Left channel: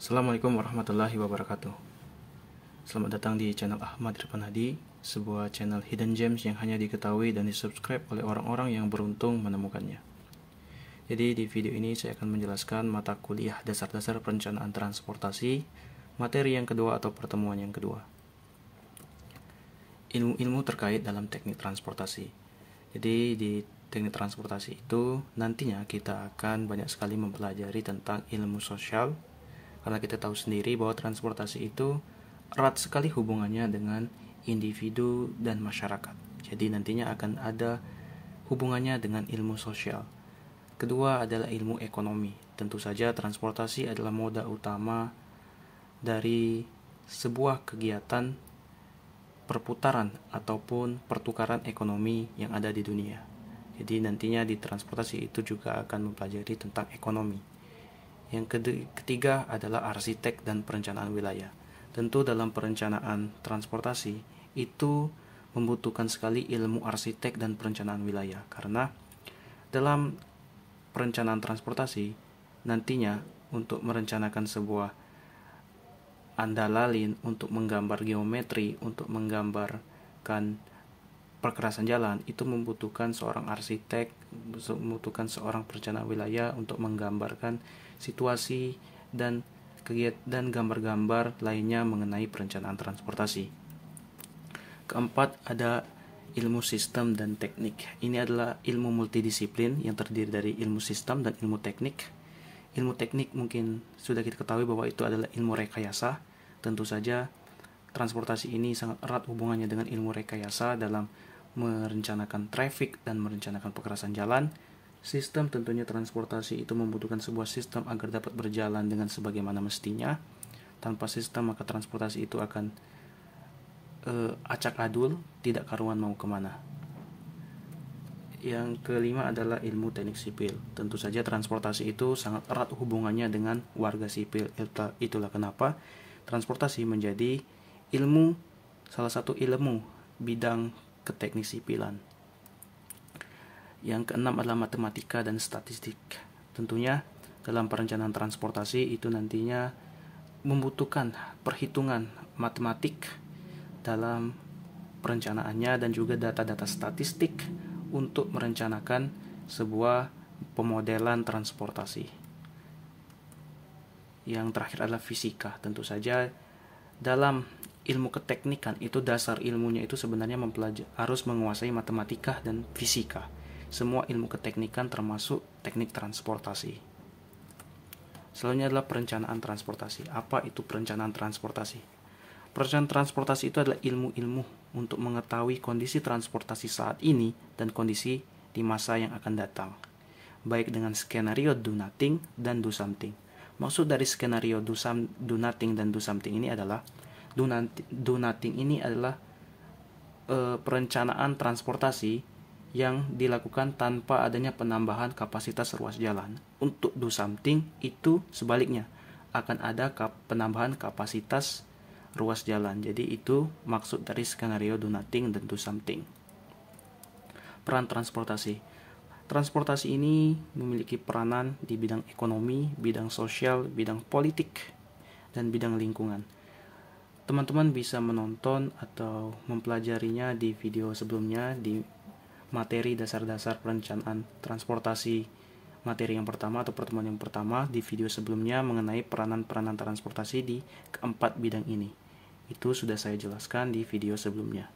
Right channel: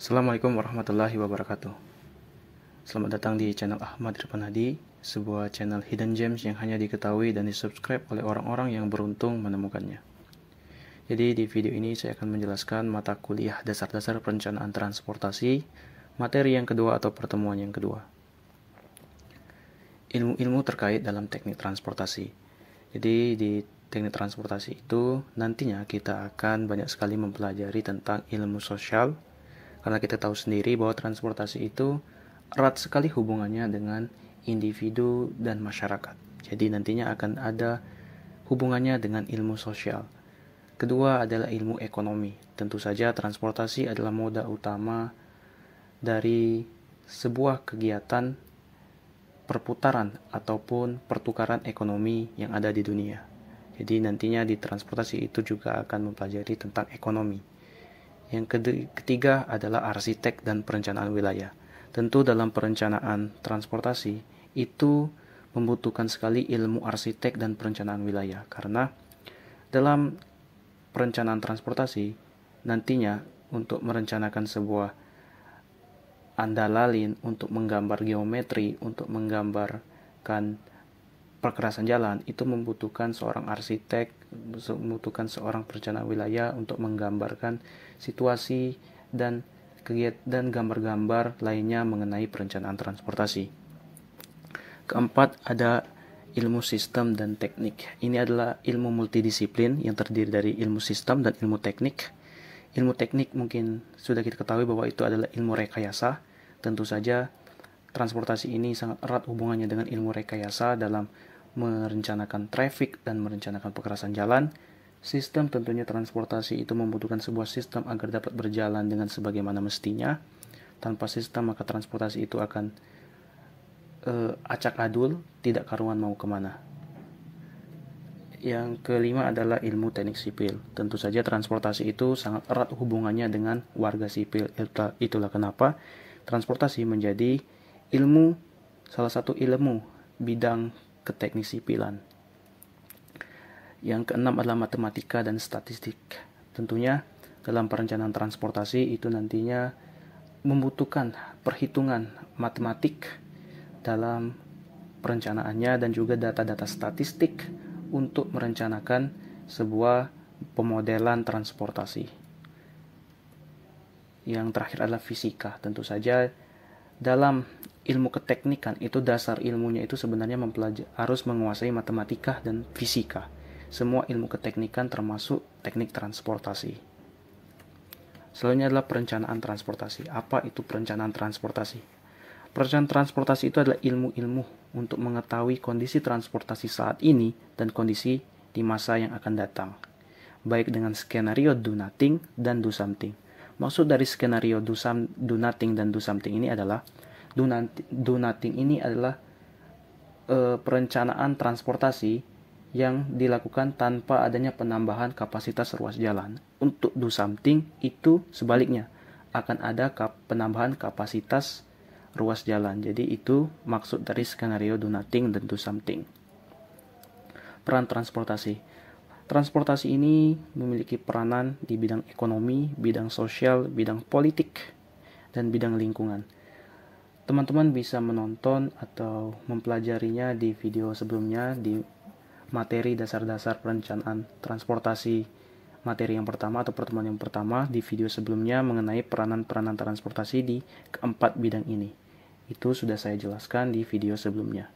Assalamualaikum warahmatullahi wabarakatuh. Selamat datang di channel Ahmad Irfan Hadi, sebuah channel hidden gems yang hanya diketahui dan disubscribe oleh orang-orang yang beruntung menemukannya. Jadi di video ini saya akan menjelaskan mata kuliah dasar-dasar perencanaan transportasi, materi yang kedua atau pertemuan yang kedua. Ilmu-ilmu terkait dalam teknik transportasi. Jadi di teknik transportasi itu nantinya kita akan banyak sekali mempelajari tentang ilmu sosial, karena kita tahu sendiri bahwa transportasi itu erat sekali hubungannya dengan individu dan masyarakat. Jadi nantinya akan ada hubungannya dengan ilmu sosial. Kedua adalah ilmu ekonomi. Tentu saja transportasi adalah moda utama dari sebuah kegiatan perputaran ataupun pertukaran ekonomi yang ada di dunia. Jadi nantinya di transportasi itu juga akan mempelajari tentang ekonomi. Yang ketiga adalah arsitek dan perencanaan wilayah. Tentu dalam perencanaan transportasi itu membutuhkan sekali ilmu arsitek dan perencanaan wilayah, karena dalam perencanaan transportasi nantinya untuk merencanakan sebuah andalalin, untuk menggambar geometri, untuk menggambarkan perkerasan jalan, itu membutuhkan seorang arsitek, membutuhkan seorang perencana wilayah untuk menggambarkan situasi dan kegiatan gambar-gambar lainnya mengenai perencanaan transportasi. Keempat ada ilmu sistem dan teknik. Ini adalah ilmu multidisiplin yang terdiri dari ilmu sistem dan ilmu teknik. Ilmu teknik mungkin sudah kita ketahui bahwa itu adalah ilmu rekayasa. Tentu saja transportasi ini sangat erat hubungannya dengan ilmu rekayasa dalam merencanakan traffic dan merencanakan perkerasan jalan. Sistem tentunya transportasi itu membutuhkan sebuah sistem agar dapat berjalan dengan sebagaimana mestinya. Tanpa sistem maka transportasi itu akan acak adul, tidak karuan mau kemana. Yang kelima adalah ilmu teknik sipil. Tentu saja transportasi itu sangat erat hubungannya dengan warga sipil. Itulah kenapa transportasi menjadi salah satu ilmu bidang keteknik sipilan. Yang keenam adalah matematika dan statistik. Tentunya dalam perencanaan transportasi itu nantinya membutuhkan perhitungan matematik dalam perencanaannya dan juga data-data statistik untuk merencanakan sebuah pemodelan transportasi. Yang terakhir adalah fisika. Tentu saja dalam ilmu keteknikan itu dasar ilmunya itu sebenarnya harus menguasai matematika dan fisika. Semua ilmu keteknikan termasuk teknik transportasi. Selanjutnya adalah perencanaan transportasi. Apa itu perencanaan transportasi? Perencanaan transportasi itu adalah ilmu-ilmu untuk mengetahui kondisi transportasi saat ini dan kondisi di masa yang akan datang, baik dengan skenario do nothing dan do something. Maksud dari skenario do nothing dan do something ini adalah do nothing ini adalah perencanaan transportasi yang dilakukan tanpa adanya penambahan kapasitas ruas jalan. Untuk do something itu sebaliknya, akan ada penambahan kapasitas ruas jalan. Jadi itu maksud dari skenario do nothing dan do something. Peran transportasi. Transportasi ini memiliki peranan di bidang ekonomi, bidang sosial, bidang politik, dan bidang lingkungan. Teman-teman bisa menonton atau mempelajarinya di video sebelumnya di materi dasar-dasar perencanaan transportasi materi yang pertama atau pertemuan yang pertama. Di video sebelumnya mengenai peranan-peranan transportasi di keempat bidang ini. Itu sudah saya jelaskan di video sebelumnya.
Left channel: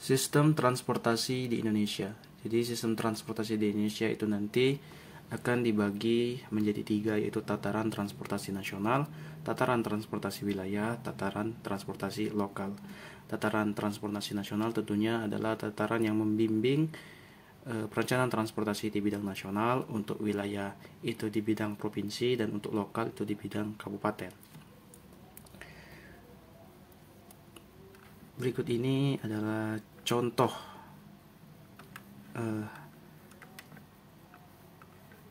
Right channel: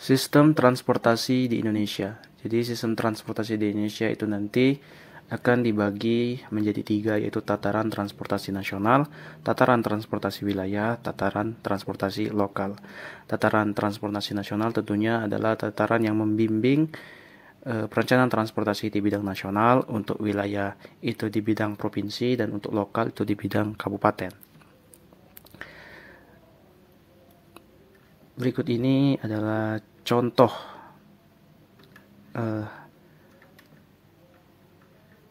Sistem transportasi di Indonesia. Jadi sistem transportasi di Indonesia itu nanti akan dibagi menjadi 3, yaitu tataran transportasi nasional, tataran transportasi wilayah, tataran transportasi lokal. Tataran transportasi nasional tentunya adalah tataran yang membimbing perencanaan transportasi di bidang nasional, untuk wilayah itu di bidang provinsi, dan untuk lokal itu di bidang kabupaten. Berikut ini adalah contoh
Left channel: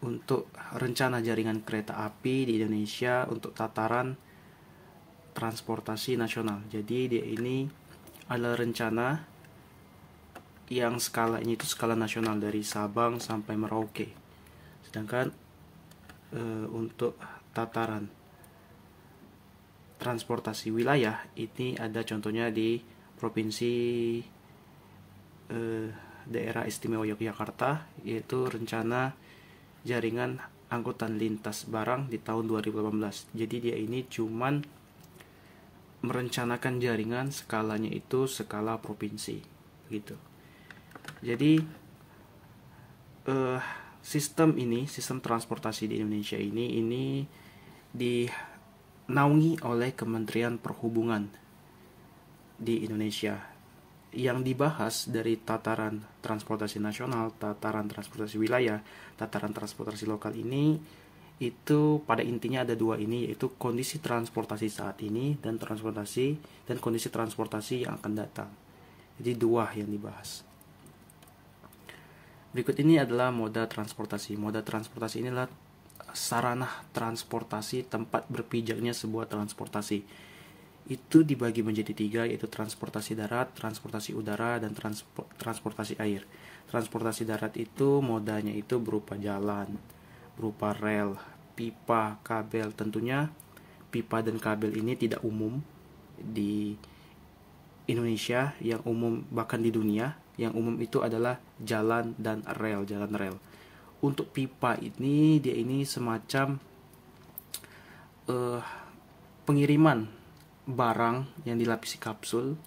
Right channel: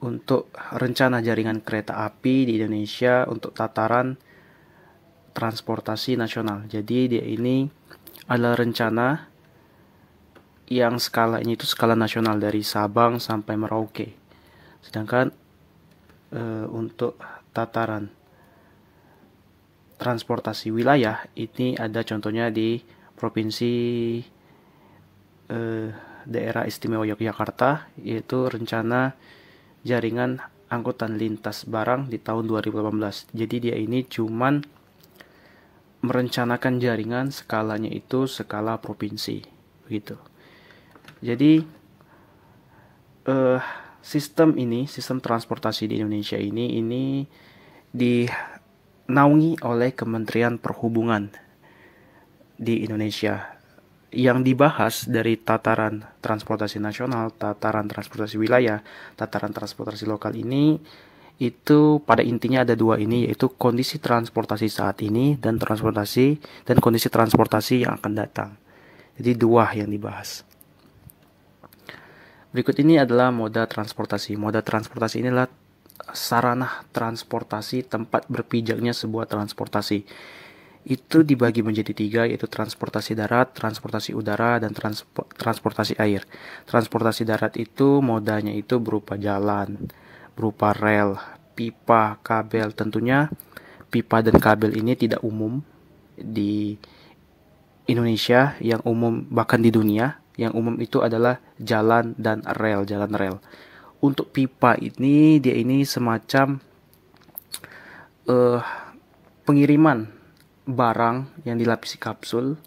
untuk rencana jaringan kereta api di Indonesia untuk tataran transportasi nasional. Jadi dia ini adalah rencana yang skalanya itu skala nasional dari Sabang sampai Merauke. Sedangkan untuk tataran transportasi wilayah ini ada contohnya di Provinsi Daerah Istimewa Yogyakarta, yaitu rencana jaringan angkutan lintas barang di tahun 2018. Jadi dia ini cuman merencanakan jaringan, skalanya itu skala provinsi begitu. Jadi sistem transportasi di Indonesia ini dinaungi oleh Kementerian Perhubungan di Indonesia. Yang dibahas dari tataran transportasi nasional, tataran transportasi wilayah, tataran transportasi lokal ini, itu pada intinya ada dua ini, yaitu kondisi transportasi saat ini dan kondisi transportasi yang akan datang. Jadi dua yang dibahas. Berikut ini adalah moda transportasi. Moda transportasi ini adalah sarana transportasi, tempat berpijaknya sebuah transportasi. Itu dibagi menjadi tiga, yaitu transportasi darat, transportasi udara, dan transportasi air. Transportasi darat itu modanya itu berupa jalan, berupa rel, pipa, kabel. Tentunya pipa dan kabel ini tidak umum di Indonesia, yang umum bahkan di dunia. Yang umum itu adalah jalan dan rel, jalan rel. Untuk pipa ini, dia ini semacam pengiriman barang yang dilapisi kapsul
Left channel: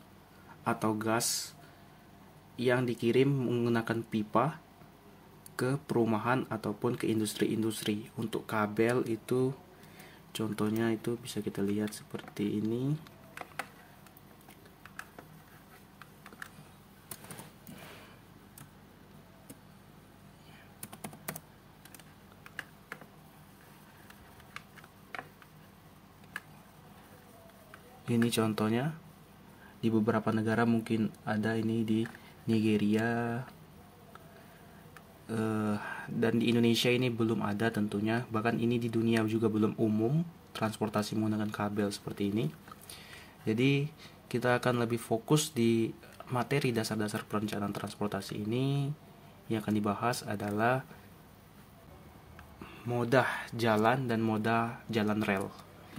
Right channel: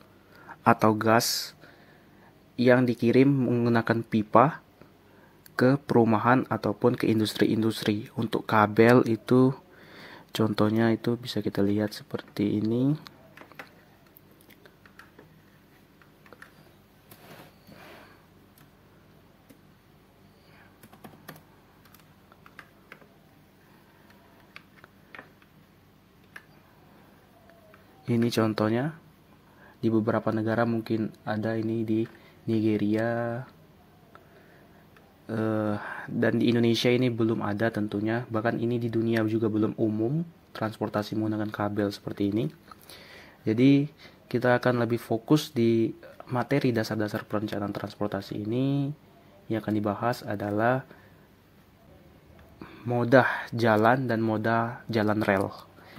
atau gas yang dikirim menggunakan pipa ke perumahan ataupun ke industri-industri. Untuk kabel itu contohnya itu bisa kita lihat seperti ini. Ini contohnya di beberapa negara, mungkin ada ini di Nigeria, dan di Indonesia ini belum ada tentunya. Bahkan ini di dunia juga belum umum transportasi menggunakan kabel seperti ini. Jadi kita akan lebih fokus di materi dasar-dasar perencanaan transportasi ini. Yang akan dibahas adalah moda jalan dan moda jalan rel,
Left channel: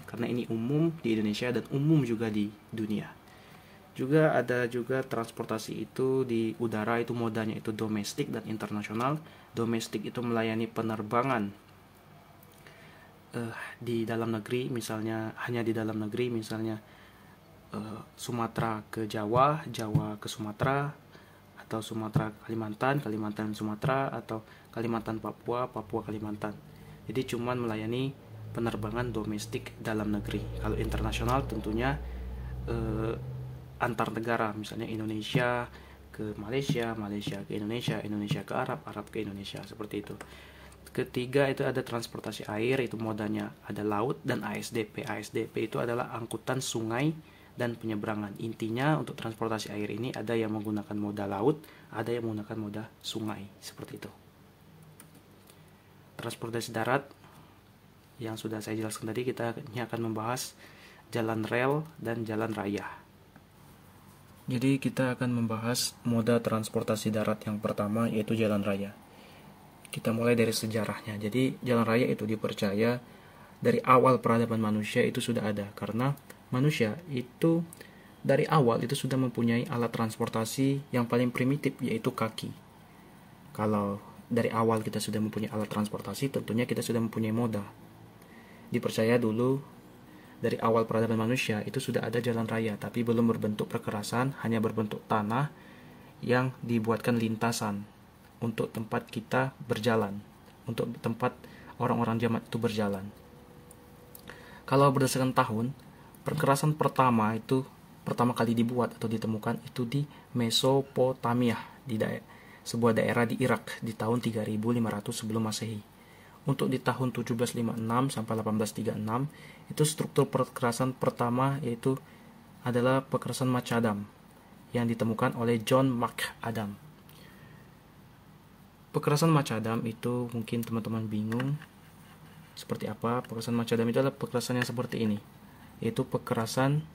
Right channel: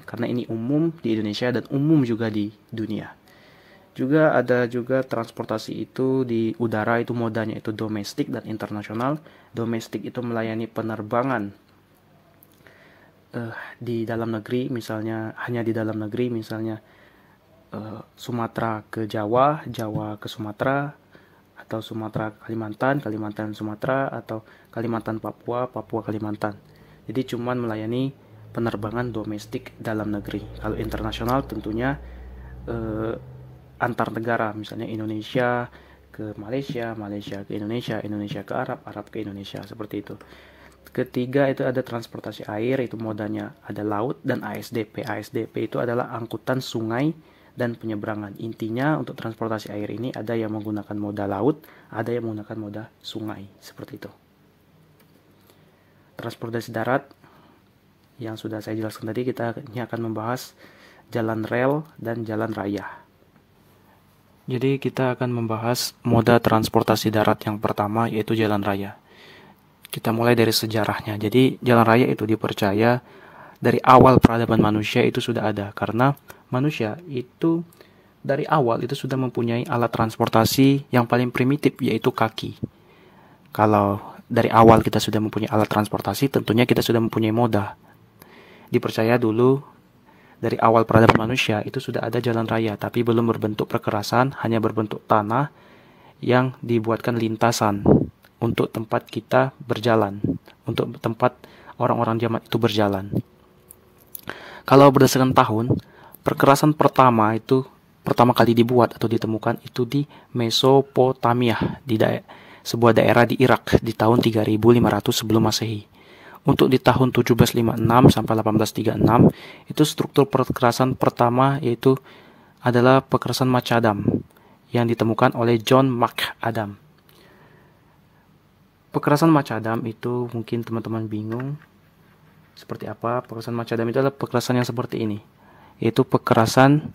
karena ini umum di Indonesia dan umum juga di dunia. Juga ada juga transportasi itu di udara, itu modanya itu domestik dan internasional. Domestik itu melayani penerbangan di dalam negeri, misalnya hanya di dalam negeri, misalnya Sumatera ke Jawa, Jawa ke Sumatera, atau Sumatera Kalimantan, Kalimantan Sumatera, atau Kalimantan Papua, Papua Kalimantan. Jadi cuman melayani penerbangan domestik dalam negeri. Kalau internasional tentunya antar negara, misalnya Indonesia ke Malaysia, Malaysia ke Indonesia, Indonesia ke Arab, Arab ke Indonesia, seperti itu. Ketiga itu ada transportasi air, itu modanya ada laut dan ASDP. ASDP itu adalah angkutan sungai dan penyeberangan. Intinya untuk transportasi air ini ada yang menggunakan moda laut, ada yang menggunakan moda sungai, seperti itu. Transportasi darat yang sudah saya jelaskan tadi, kita ini akan membahas jalan rel dan jalan raya. Jadi kita akan membahas moda transportasi darat yang pertama, yaitu jalan raya. Kita mulai dari sejarahnya. Jadi jalan raya itu dipercaya dari awal peradaban manusia itu sudah ada, karena manusia itu dari awal itu sudah mempunyai alat transportasi yang paling primitif, yaitu kaki. Kalau dari awal kita sudah mempunyai alat transportasi, tentunya kita sudah mempunyai moda. Dipercaya dulu dari awal peradaban manusia itu sudah ada jalan raya, tapi belum berbentuk perkerasan, hanya berbentuk tanah yang dibuatkan lintasan untuk tempat kita berjalan, untuk tempat orang-orang zaman itu berjalan. Kalau berdasarkan tahun, perkerasan pertama kali dibuat atau ditemukan itu di Mesopotamia, di sebuah daerah di Irak di tahun 3500 sebelum Masehi. Untuk di tahun 1756 sampai 1836 itu struktur perkerasan pertama yaitu adalah perkerasan macadam yang ditemukan oleh John McAdam. Perkerasan macadam itu mungkin teman-teman bingung seperti apa. Perkerasan macadam itu adalah perkerasan yang seperti ini, yaitu perkerasan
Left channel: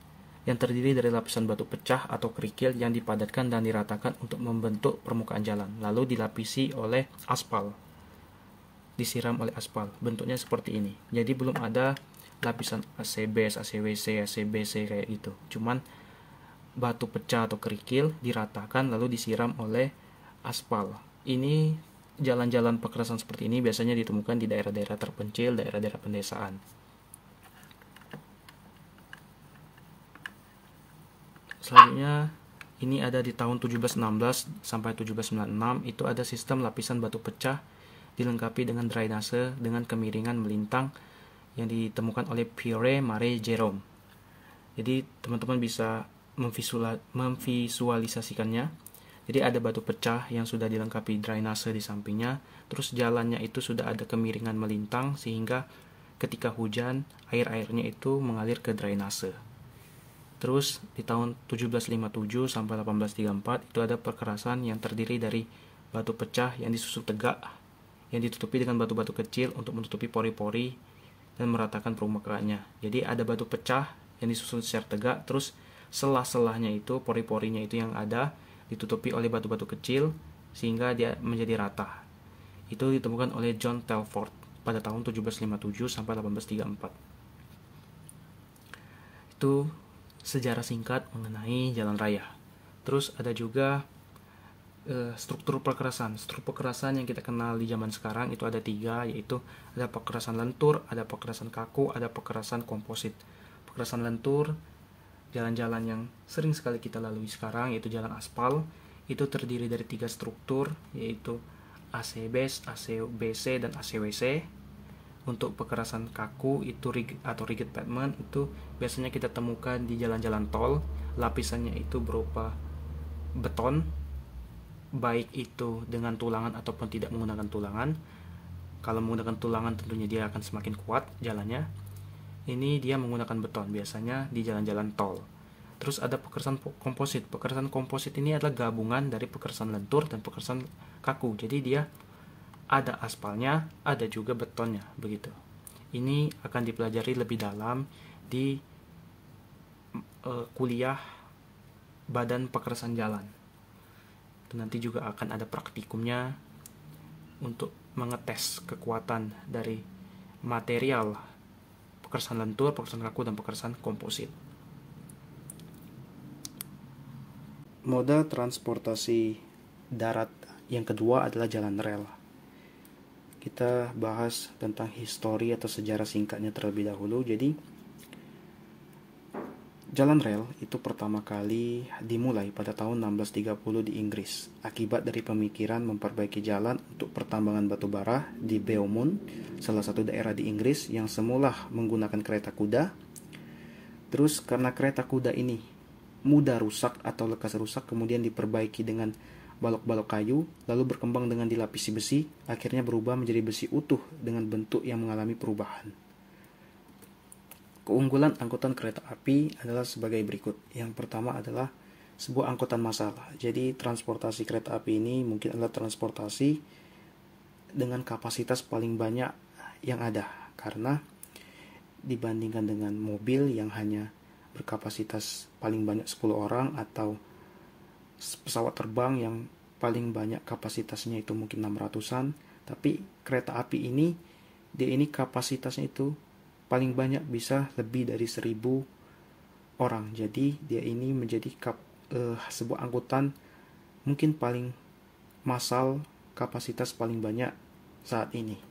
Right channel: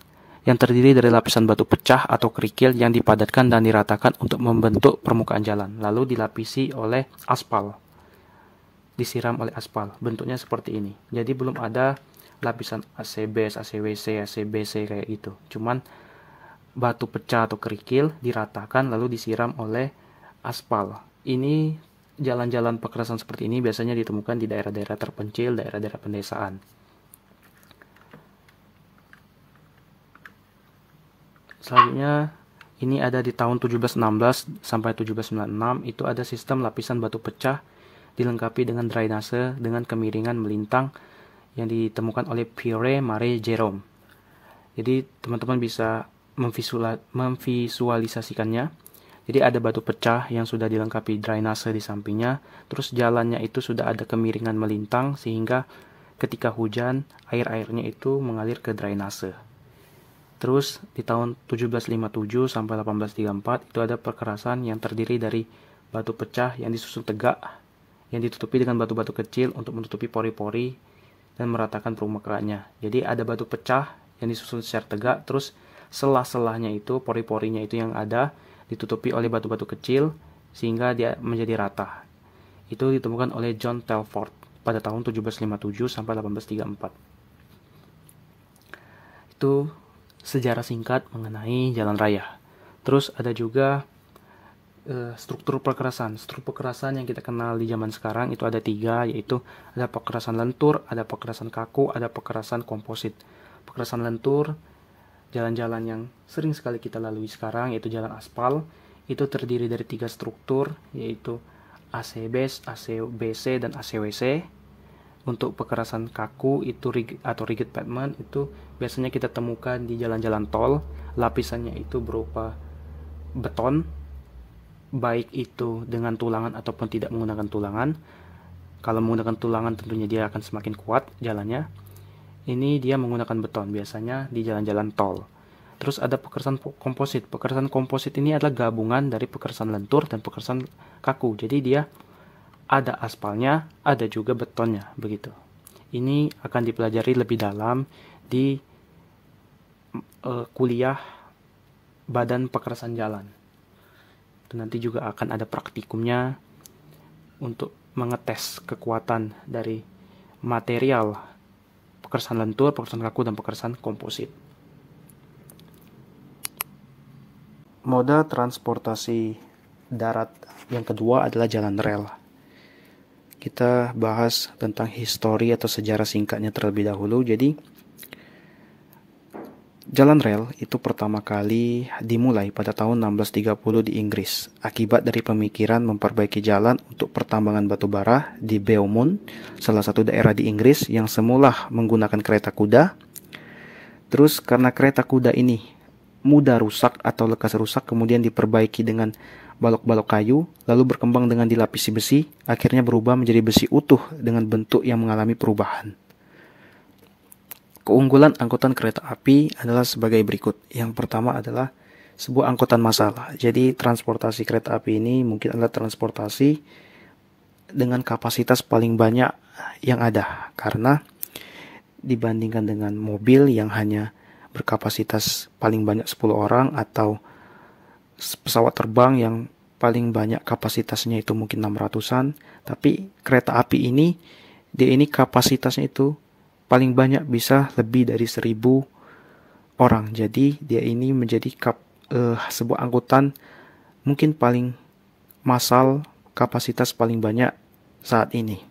yang terdiri dari lapisan batu pecah atau kerikil yang dipadatkan dan diratakan untuk membentuk permukaan jalan, lalu dilapisi oleh aspal, disiram oleh aspal. Bentuknya seperti ini. Jadi belum ada lapisan AC base, ACWC, ACBC kayak gitu. Cuman batu pecah atau kerikil diratakan lalu disiram oleh aspal. Ini jalan-jalan pekerasan seperti ini biasanya ditemukan di daerah-daerah terpencil, daerah-daerah pedesaan. Selanjutnya ini ada di tahun 1716 sampai 1796, itu ada sistem lapisan batu pecah dilengkapi dengan drainase dengan kemiringan melintang yang ditemukan oleh Pierre Marie Jerome. Jadi teman-teman bisa memvisualisasikannya. Jadi ada batu pecah yang sudah dilengkapi drainase di sampingnya, terus jalannya itu sudah ada kemiringan melintang sehingga ketika hujan air-airnya itu mengalir ke drainase. Terus di tahun 1757 sampai 1834 itu ada perkerasan yang terdiri dari batu pecah yang disusun tegak, yang ditutupi dengan batu-batu kecil untuk menutupi pori-pori dan meratakan permukaannya. Jadi ada batu pecah yang disusun secara tegak, terus selah-selahnya itu, pori-porinya itu yang ada ditutupi oleh batu-batu kecil sehingga dia menjadi rata. Itu ditemukan oleh John Telford pada tahun 1757 sampai 1834. Itu sejarah singkat mengenai jalan raya. Terus ada juga struktur pekerasan. Struktur pekerasan yang kita kenal di zaman sekarang itu ada 3, yaitu ada pekerasan lentur, ada pekerasan kaku, ada pekerasan komposit. Pekerasan lentur, jalan-jalan yang sering sekali kita lalui sekarang, yaitu jalan aspal, itu terdiri dari 3 struktur, yaitu AC base, ACBC, dan ACWC. Untuk pekerasan kaku itu rigid pavement itu biasanya kita temukan di jalan-jalan tol. Lapisannya itu berupa beton, baik itu dengan tulangan ataupun tidak menggunakan tulangan. Kalau menggunakan tulangan tentunya dia akan semakin kuat jalannya. Ini dia menggunakan beton biasanya di jalan-jalan tol. Terus ada pekerasan komposit. Pekerasan komposit ini adalah gabungan dari pekerasan lentur dan pekerasan kaku. Jadi dia ada aspalnya, ada juga betonnya, begitu. Ini akan dipelajari lebih dalam di kuliah badan pekerasan jalan. Itu nanti juga akan ada praktikumnya untuk mengetes kekuatan dari material pekerasan lentur, pekerasan kaku, dan pekerasan komposit. Moda transportasi darat yang kedua adalah jalan rel. Kita bahas tentang histori atau sejarah singkatnya terlebih dahulu. Jadi, jalan rel itu pertama kali dimulai pada tahun 1630 di Inggris akibat dari pemikiran memperbaiki jalan untuk pertambangan batu bara di Beaumont, salah satu daerah di Inggris yang semula menggunakan kereta kuda. Terus karena kereta kuda ini mudah rusak atau lekas rusak, kemudian diperbaiki dengan balok-balok kayu, lalu berkembang dengan dilapisi besi, akhirnya berubah menjadi besi utuh dengan bentuk yang mengalami perubahan. Keunggulan angkutan kereta api adalah sebagai berikut. Yang pertama adalah sebuah angkutan massal. Jadi transportasi kereta api ini mungkin adalah transportasi dengan kapasitas paling banyak yang ada, karena dibandingkan dengan mobil yang hanya berkapasitas paling banyak 10 orang atau pesawat terbang yang paling banyak kapasitasnya itu mungkin 600-an, tapi kereta api ini dia ini kapasitasnya itu paling banyak bisa lebih dari 1000 orang. Jadi dia ini menjadi sebuah angkutan mungkin paling massal, kapasitas paling banyak saat ini.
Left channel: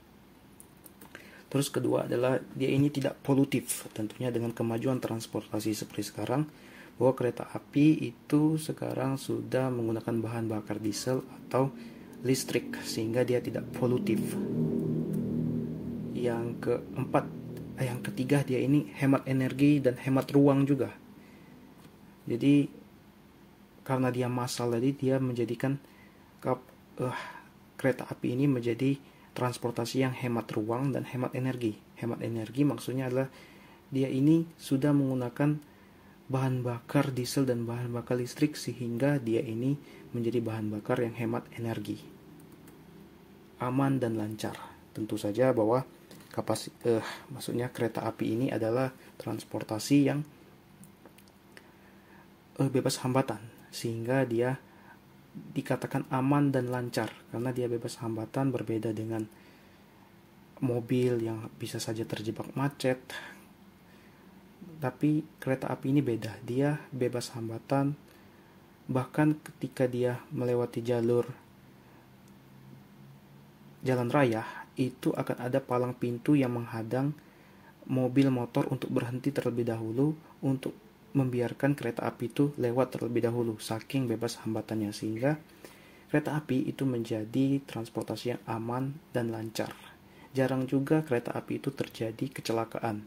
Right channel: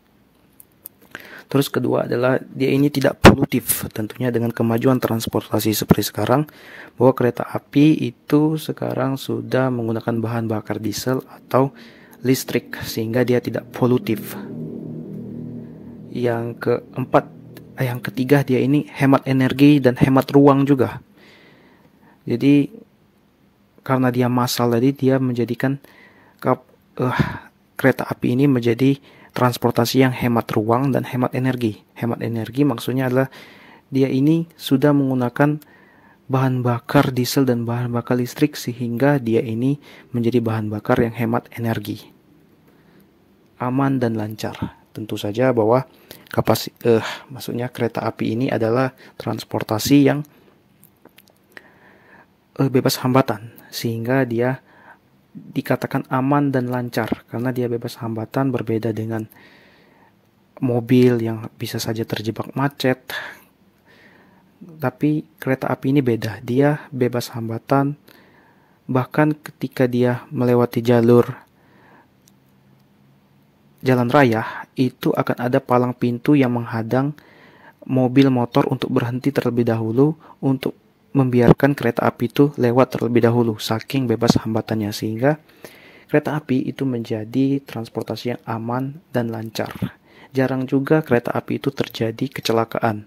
Terus kedua adalah dia ini tidak polutif, tentunya dengan kemajuan transportasi seperti sekarang, bahwa kereta api itu sekarang sudah menggunakan bahan bakar diesel atau listrik sehingga dia tidak polutif. Yang ketiga dia ini hemat energi dan hemat ruang juga. Jadi karena dia massal tadi, dia menjadikan kereta api ini menjadi transportasi yang hemat ruang dan hemat energi. Hemat energi maksudnya adalah dia ini sudah menggunakan bahan bakar diesel dan bahan bakar listrik sehingga dia ini menjadi bahan bakar yang hemat energi. Aman dan lancar. Tentu saja bahwa maksudnya kereta api ini adalah transportasi yang bebas hambatan, sehingga dia dikatakan aman dan lancar karena dia bebas hambatan, berbeda dengan mobil yang bisa saja terjebak macet, Tapi kereta api ini beda, dia bebas hambatan. Bahkan ketika dia melewati jalan raya, itu akan ada palang pintu yang menghadang mobil motor untuk berhenti terlebih dahulu, untuk membiarkan kereta api itu lewat terlebih dahulu, saking bebas hambatannya, sehingga kereta api itu menjadi transportasi yang aman dan lancar. Jarang juga kereta api itu terjadi kecelakaan,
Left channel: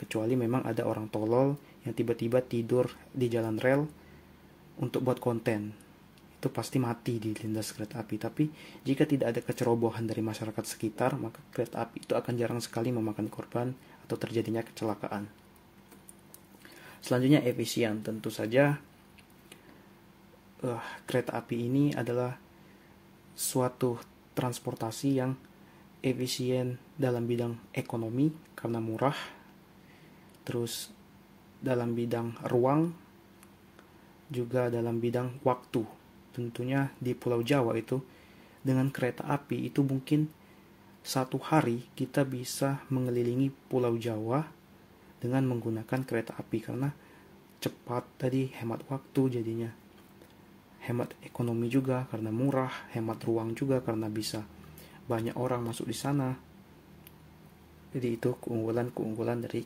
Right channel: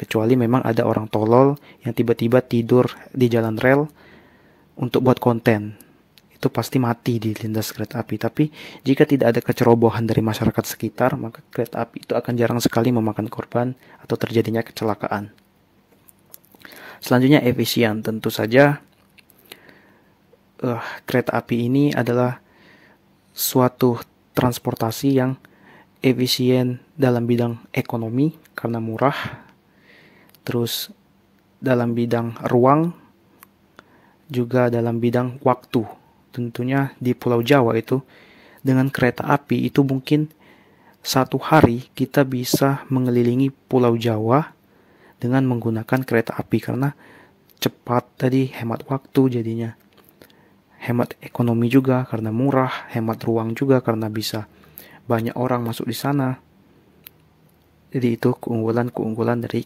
kecuali memang ada orang tolol yang tiba-tiba tidur di jalan rel untuk buat konten. Itu pasti mati di lintas kereta api. Tapi jika tidak ada kecerobohan dari masyarakat sekitar, maka kereta api itu akan jarang sekali memakan korban atau terjadinya kecelakaan. Selanjutnya efisien. Tentu saja kereta api ini adalah suatu transportasi yang efisien dalam bidang ekonomi karena murah, terus dalam bidang ruang, juga dalam bidang waktu. Tentunya di Pulau Jawa itu dengan kereta api itu mungkin satu hari kita bisa mengelilingi Pulau Jawa dengan menggunakan kereta api, karena cepat tadi, hemat waktu jadinya. Hemat ekonomi juga karena murah, hemat ruang juga karena bisa banyak orang masuk di sana. Jadi itu keunggulan dari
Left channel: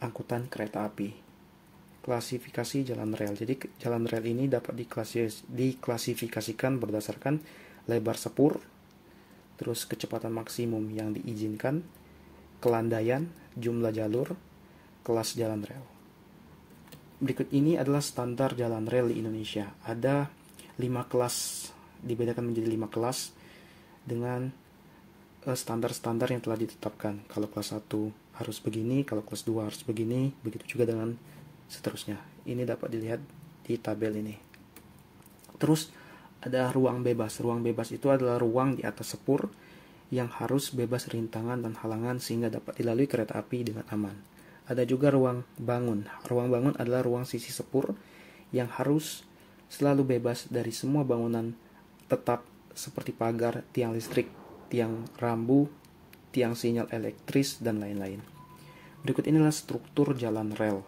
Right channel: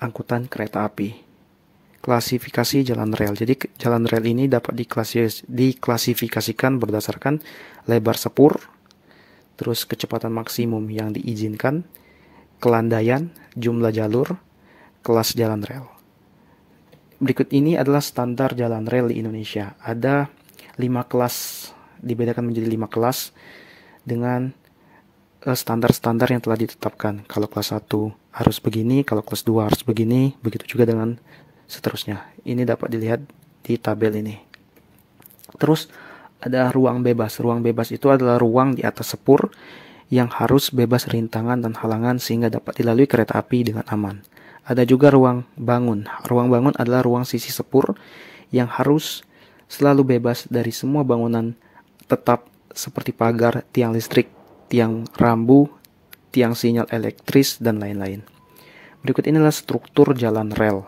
angkutan kereta api. Klasifikasi jalan rel. Jadi jalan rel ini dapat diklasifikasikan berdasarkan lebar sepur, terus kecepatan maksimum yang diizinkan, kelandaian, jumlah jalur, kelas jalan rel. Berikut ini adalah standar jalan rel di Indonesia. Ada 5 kelas, dibedakan menjadi 5 kelas dengan standar-standar yang telah ditetapkan. Kalau kelas 1 harus begini, kalau kelas 2 harus begini, begitu juga dengan seterusnya. Ini dapat dilihat di tabel ini. Terus ada ruang bebas. Ruang bebas itu adalah ruang di atas sepur yang harus bebas rintangan dan halangan sehingga dapat dilalui kereta api dengan aman. Ada juga ruang bangun. Ruang bangun adalah ruang sisi sepur yang harus selalu bebas dari semua bangunan tetap seperti pagar, tiang listrik, tiang rambu, tiang sinyal elektris, dan lain-lain. Berikut inilah struktur jalan rel.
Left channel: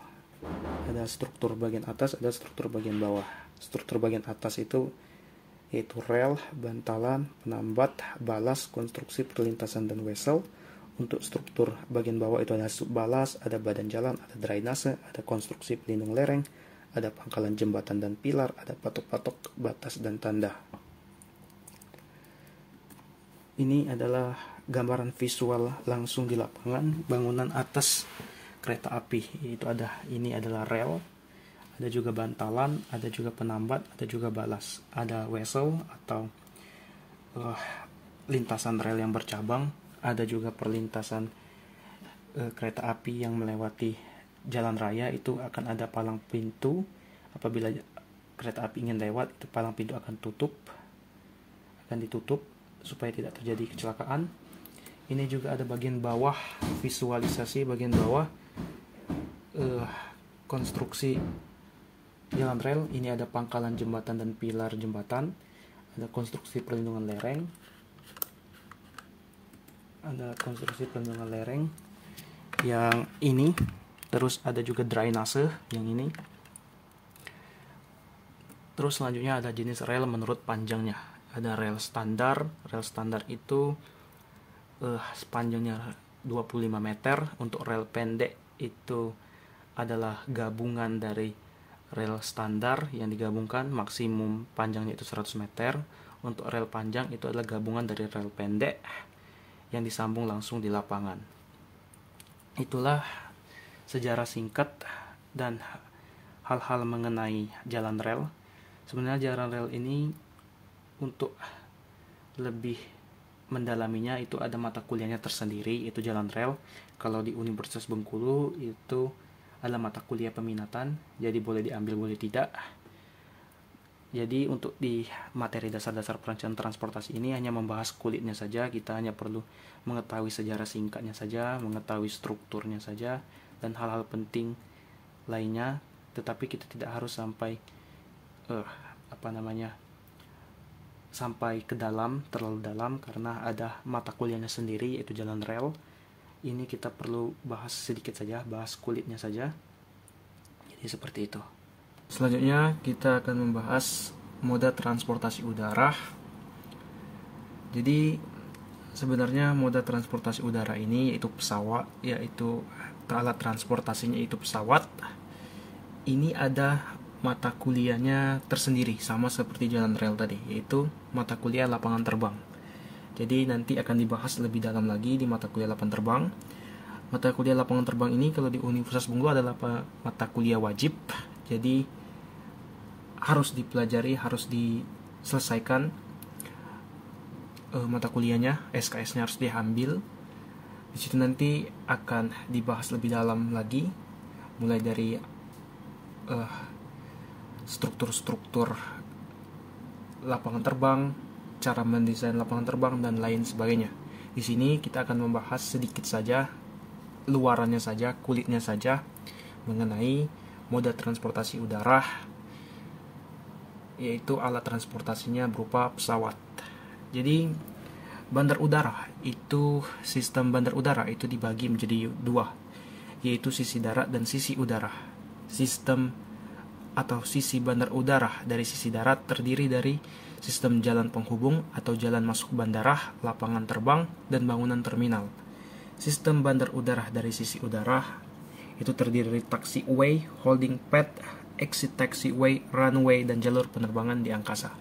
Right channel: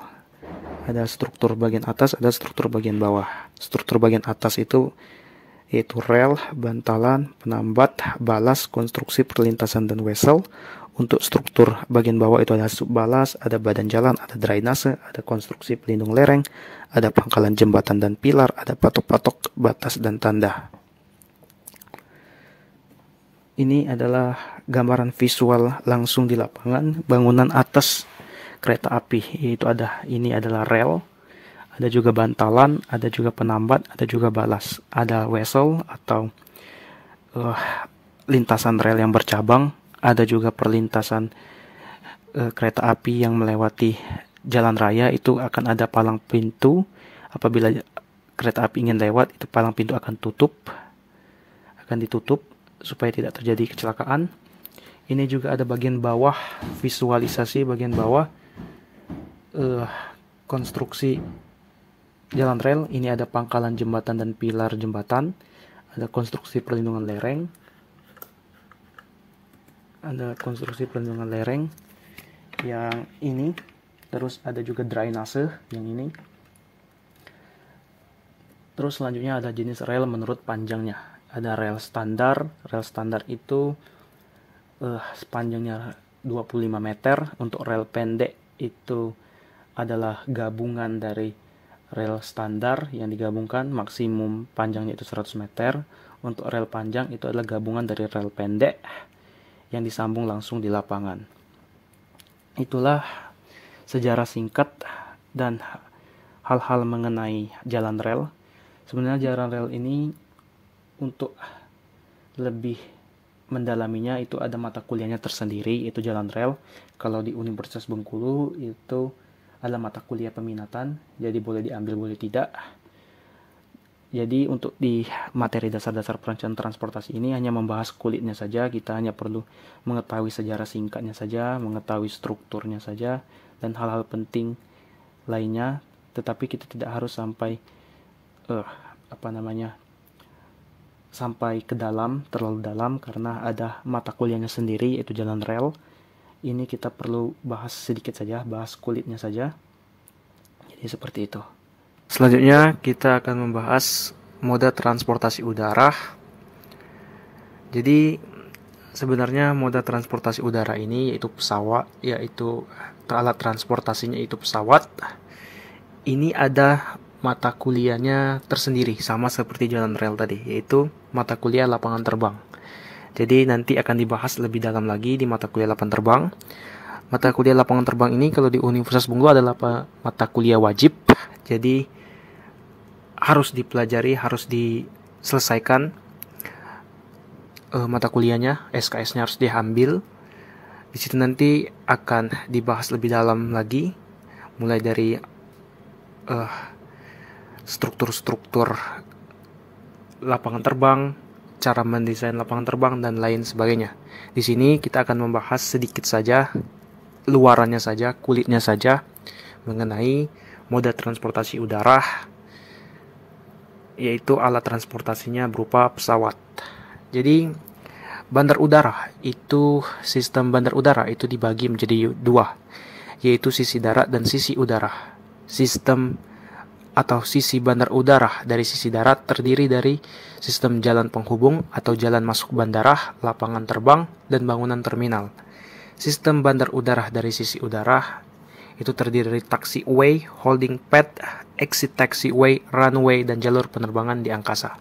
Ada struktur bagian atas, ada struktur bagian bawah. Struktur bagian atas itu yaitu rel, bantalan, penambat, balas, konstruksi perlintasan, dan wesel. Untuk struktur bagian bawah itu ada subbalas, ada badan jalan, ada drainase, ada konstruksi pelindung lereng, ada pangkalan jembatan dan pilar, ada patok-patok, batas, dan tanda. Ini adalah gambaran visual langsung di lapangan bangunan atas kereta api. Ini adalah rel, ada juga bantalan, ada juga penambat, ada juga balas, ada wesel atau lintasan rel yang bercabang, ada juga perlintasan kereta api yang melewati jalan raya. Itu akan ada palang pintu. Apabila kereta api ingin lewat, itu palang pintu akan ditutup supaya tidak terjadi kecelakaan. Ini juga ada bagian bawah, visualisasi bagian bawah konstruksi jalan rel. Ini ada pangkalan jembatan dan pilar jembatan, ada konstruksi perlindungan lereng, yang ini, terus ada juga drainase yang ini. Terus selanjutnya ada jenis rel menurut panjangnya. Ada rel standar. Rel standar itu panjangnya 25 meter. Untuk rel pendek itu adalah gabungan dari rel standar yang digabungkan, maksimum panjangnya itu 100 meter. Untuk rel panjang itu adalah gabungan dari rel pendek yang disambung langsung di lapangan. Itulah sejarah singkat dan hal-hal mengenai jalan rel. Sebenarnya jalan rel ini untuk lebih mendalaminya itu ada mata kuliahnya tersendiri, itu jalan rel. Kalau di Universitas Bengkulu itu ada mata kuliah peminatan, jadi boleh diambil boleh tidak. Jadi untuk di materi dasar-dasar perencanaan transportasi ini hanya membahas kulitnya saja. Kita hanya perlu mengetahui sejarah singkatnya saja, mengetahui strukturnya saja, dan hal-hal penting lainnya. Tetapi kita tidak harus sampai sampai ke dalam, terlalu dalam, karena ada mata kuliahnya sendiri yaitu jalan rel. Ini kita perlu bahas sedikit saja, bahas kulitnya saja. Ya, seperti itu. Selanjutnya kita akan membahas moda transportasi udara. Jadi sebenarnya moda transportasi udara ini yaitu pesawat, yaitu alat transportasinya itu pesawat. Ini ada mata kuliahnya tersendiri, sama seperti jalan rel tadi, yaitu mata kuliah lapangan terbang. Jadi nanti akan dibahas lebih dalam lagi di mata kuliah lapangan terbang. Mata kuliah lapangan terbang ini kalau di Universitas Bengkulu adalah mata kuliah wajib. Jadi harus dipelajari, harus diselesaikan mata kuliahnya, SKS-nya harus diambil. Di situ nanti akan dibahas lebih dalam lagi, mulai dari struktur-struktur lapangan terbang, cara mendesain lapangan terbang, dan lain sebagainya. Di sini kita akan membahas sedikit saja, luarannya saja, kulitnya saja, mengenai moda transportasi udara, yaitu alat transportasinya berupa pesawat. Jadi sistem bandar udara itu dibagi menjadi dua, yaitu sisi darat dan sisi udara. Sistem atau sisi bandar udara dari sisi darat terdiri dari sistem jalan penghubung atau jalan masuk bandara, lapangan terbang, dan bangunan terminal. Sistem bandar udara dari sisi udara itu terdiri dari taxiway, holding pad, exit taxiway, runway, dan jalur penerbangan di angkasa.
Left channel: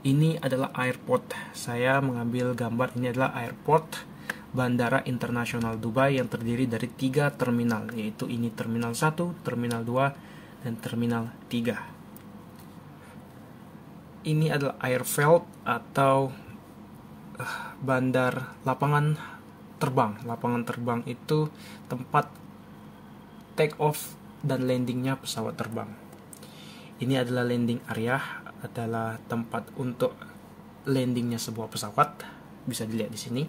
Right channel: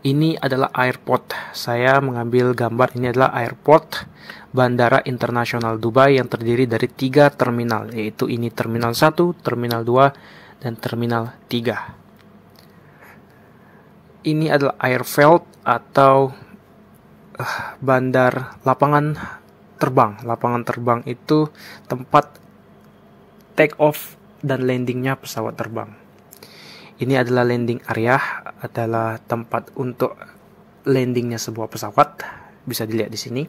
Ini adalah airport. Saya mengambil gambar, ini adalah airport Bandara Internasional Dubai yang terdiri dari 3 terminal, yaitu ini Terminal 1, Terminal 2, dan Terminal 3. Ini adalah airfield atau bandar lapangan terbang. Lapangan terbang itu tempat take off dan landingnya pesawat terbang. Ini adalah landing area, adalah tempat untuk landingnya sebuah pesawat. Bisa dilihat di sini.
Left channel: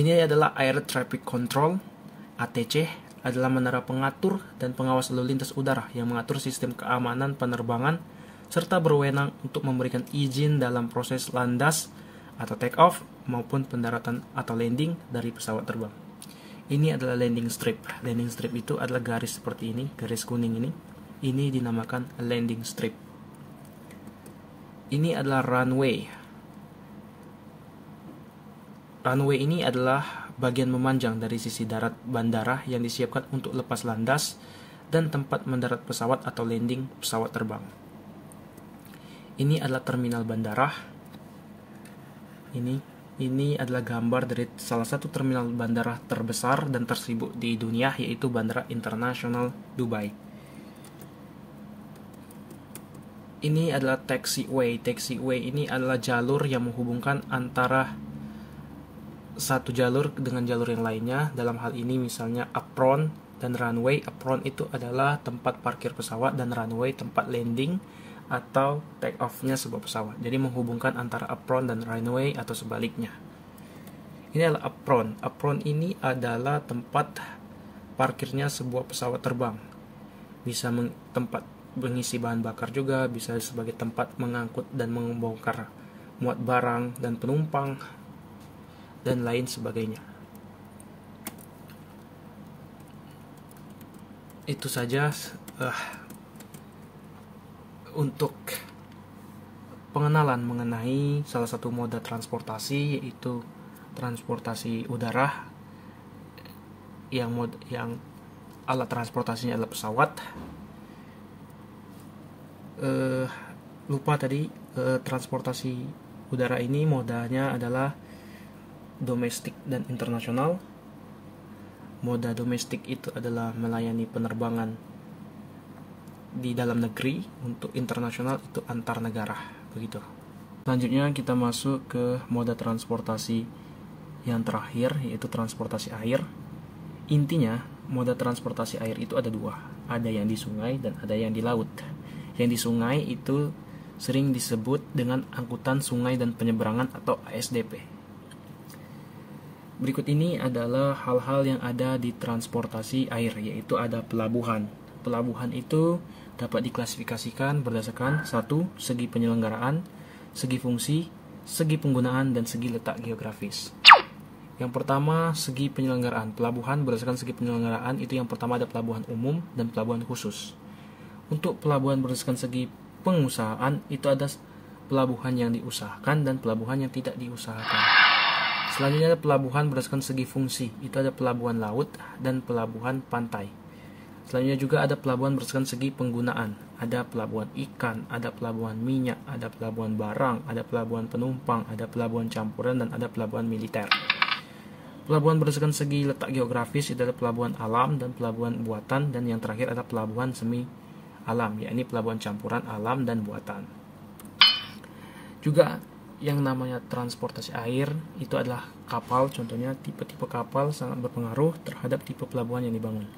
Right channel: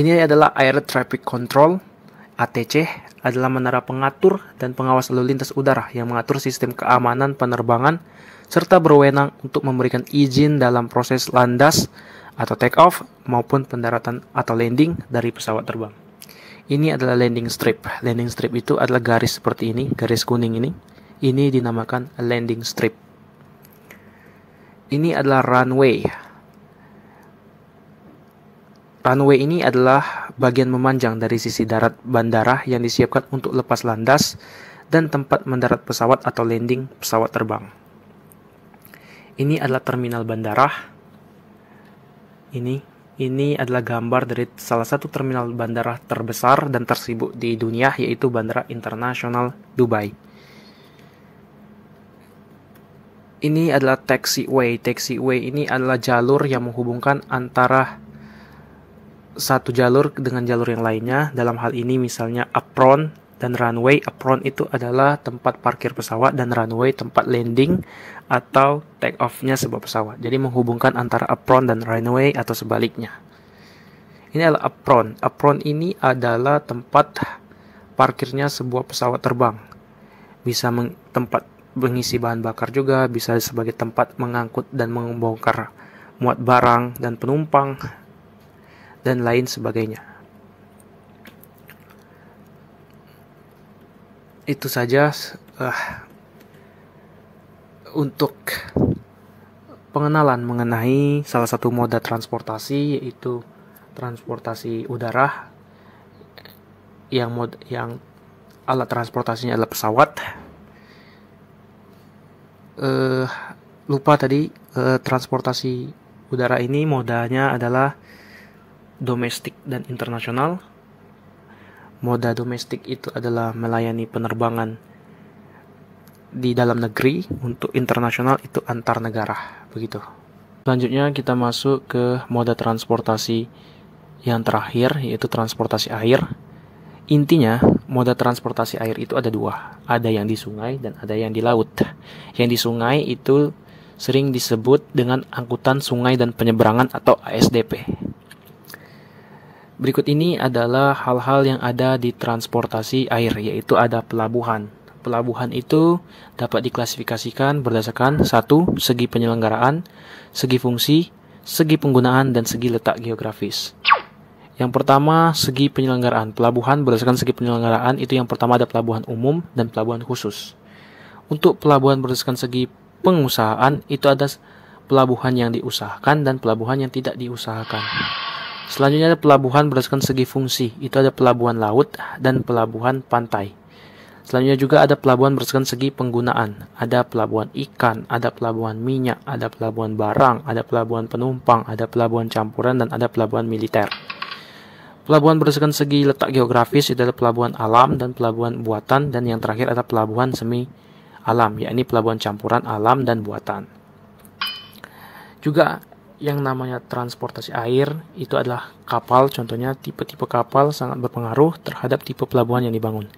Ini adalah Air Traffic Control, ATC, adalah menara pengatur dan pengawas lalu lintas udara yang mengatur sistem keamanan penerbangan serta berwenang untuk memberikan izin dalam proses landas atau take off maupun pendaratan atau landing dari pesawat terbang. Ini adalah landing strip. Landing strip itu adalah garis seperti ini, garis kuning ini. Ini dinamakan landing strip. Ini adalah runway. Runway ini adalah bagian memanjang dari sisi darat bandara yang disiapkan untuk lepas landas dan tempat mendarat pesawat atau landing pesawat terbang. Ini adalah terminal bandara. Ini adalah gambar dari salah satu terminal bandara terbesar dan tersibuk di dunia, yaitu Bandara Internasional Dubai. Ini adalah taxiway. Taxiway ini adalah jalur yang menghubungkan antara satu jalur dengan jalur yang lainnya. Dalam hal ini misalnya apron dan runway. Apron itu adalah tempat parkir pesawat dan runway tempat landing atau take off-nya sebuah pesawat. Jadi menghubungkan antara apron dan runway atau sebaliknya. Ini adalah apron. Apron ini adalah tempat parkirnya sebuah pesawat terbang. Bisa tempat mengisi bahan bakar juga, bisa sebagai tempat mengangkut dan membongkar muat barang dan penumpang, dan lain sebagainya. Itu saja untuk pengenalan mengenai salah satu moda transportasi, yaitu transportasi udara, yang alat transportasinya adalah pesawat. Lupa tadi, transportasi udara ini modanya adalah domestik dan internasional. Moda domestik itu adalah melayani penerbangan di dalam negeri, untuk internasional itu antar negara, begitu. Selanjutnya kita masuk ke moda transportasi yang terakhir, yaitu transportasi air. Intinya, moda transportasi air itu ada dua. Ada yang di sungai dan ada yang di laut. Yang di sungai itu sering disebut dengan angkutan sungai dan penyeberangan atau ASDP. Berikut ini adalah hal-hal yang ada di transportasi air, yaitu ada pelabuhan. Pelabuhan itu dapat diklasifikasikan berdasarkan 1. Segi penyelenggaraan, segi fungsi, segi penggunaan, dan segi letak geografis. Yang pertama, segi penyelenggaraan. Pelabuhan berdasarkan segi penyelenggaraan itu yang pertama ada pelabuhan umum dan pelabuhan khusus. Untuk pelabuhan berdasarkan segi pengusahaan itu ada pelabuhan yang diusahakan dan pelabuhan yang tidak diusahakan. Selanjutnya ada pelabuhan berdasarkan segi fungsi. Itu ada pelabuhan laut dan pelabuhan pantai. Selanjutnya juga ada pelabuhan berdasarkan segi penggunaan. Ada pelabuhan ikan, ada pelabuhan minyak, ada pelabuhan barang, ada pelabuhan penumpang, ada pelabuhan campuran, dan ada pelabuhan militer. Pelabuhan berdasarkan segi letak geografis itu adalah pelabuhan alam dan pelabuhan buatan, dan yang terakhir ada pelabuhan semi alam, yakni pelabuhan campuran alam dan buatan. Juga yang namanya transportasi air itu adalah kapal. Contohnya tipe-tipe kapal sangat berpengaruh terhadap tipe pelabuhan yang dibangun.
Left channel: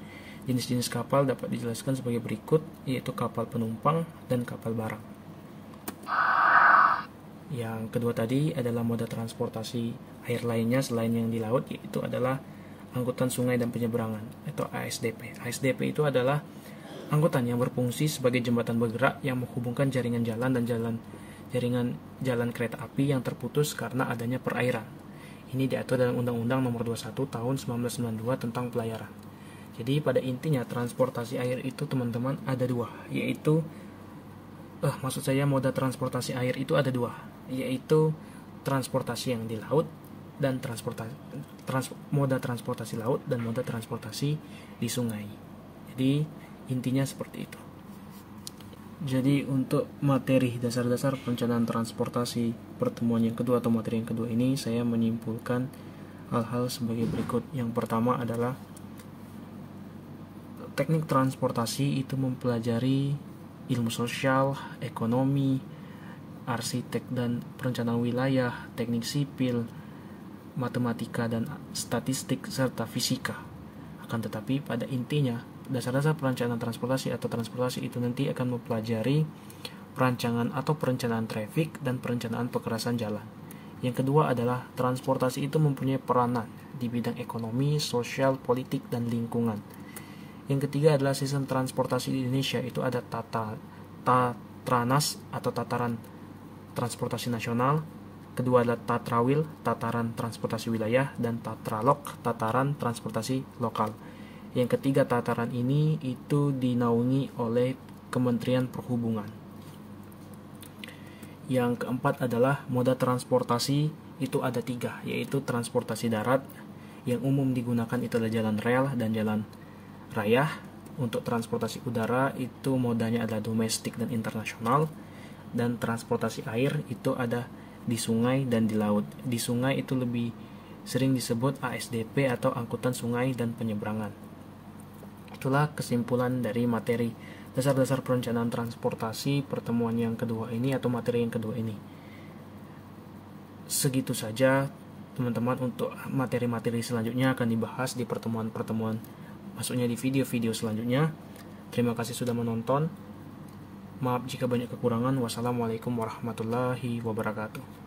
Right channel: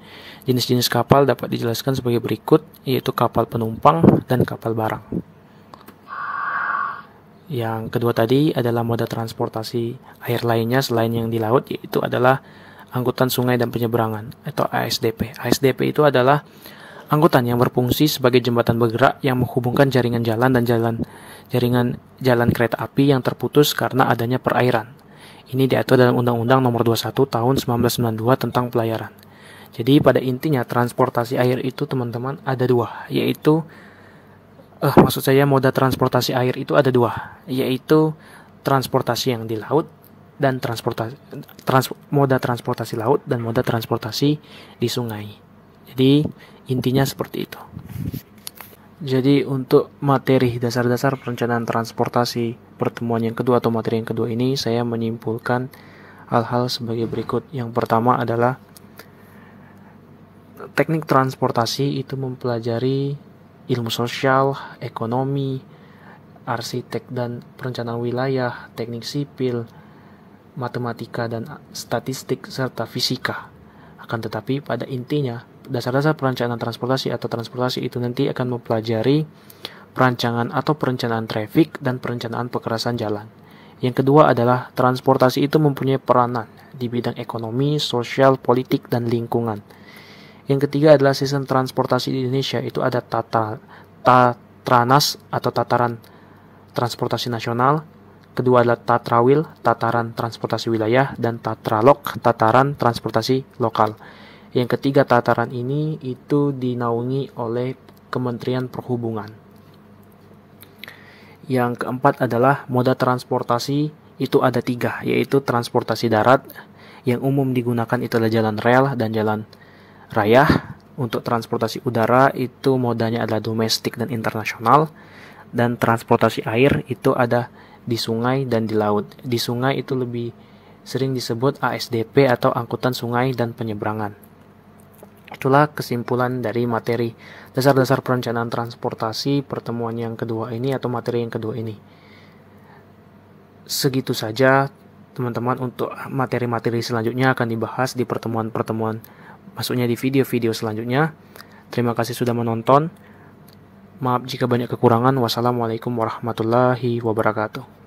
Jenis-jenis kapal dapat dijelaskan sebagai berikut, yaitu kapal penumpang dan kapal barang. Yang kedua tadi adalah moda transportasi air lainnya selain yang di laut, yaitu adalah angkutan sungai dan penyeberangan atau ASDP. ASDP itu adalah angkutan yang berfungsi sebagai jembatan bergerak yang menghubungkan jaringan jalan dan jalan kereta api yang terputus karena adanya perairan. Ini diatur dalam Undang-Undang Nomor 21 Tahun 1992 tentang pelayaran. Jadi pada intinya transportasi air itu teman-teman ada dua, yaitu moda transportasi air itu ada dua, yaitu transportasi yang di laut dan moda transportasi laut dan moda transportasi di sungai. Jadi intinya seperti itu. Jadi untuk materi dasar-dasar perencanaan transportasi pertemuan yang kedua atau materi yang kedua ini, saya menyimpulkan hal-hal sebagai berikut. Yang pertama adalah teknik transportasi itu mempelajari ilmu sosial, ekonomi, arsitek dan perencanaan wilayah, teknik sipil, matematika dan statistik, serta fisika. Akan tetapi pada intinya, dasar-dasar perencanaan transportasi atau transportasi itu nanti akan mempelajari perancangan atau perencanaan trafik dan perencanaan pekerasan jalan. Yang kedua adalah transportasi itu mempunyai peranan di bidang ekonomi, sosial, politik, dan lingkungan. Yang ketiga adalah sistem transportasi di Indonesia itu ada Tatranas atau Tataran Transportasi Nasional. Kedua adalah Tatrawil, Tataran Transportasi Wilayah, dan Tatralok, Tataran Transportasi Lokal. Yang ketiga tataran ini itu dinaungi oleh Kementerian Perhubungan. Yang keempat adalah moda transportasi itu ada tiga, yaitu transportasi darat yang umum digunakan itu adalah jalan rel dan jalan raya. Untuk transportasi udara itu modanya adalah domestik dan internasional, dan transportasi air itu ada di sungai dan di laut. Di sungai itu lebih sering disebut ASDP atau angkutan sungai dan penyeberangan. Itulah kesimpulan dari materi dasar-dasar perencanaan transportasi pertemuan yang kedua ini atau materi yang kedua ini. Segitu saja teman-teman. Untuk materi-materi selanjutnya akan dibahas di pertemuan-pertemuan, maksudnya di video-video selanjutnya. Terima kasih sudah menonton. Maaf jika banyak kekurangan. Wassalamualaikum warahmatullahi wabarakatuh.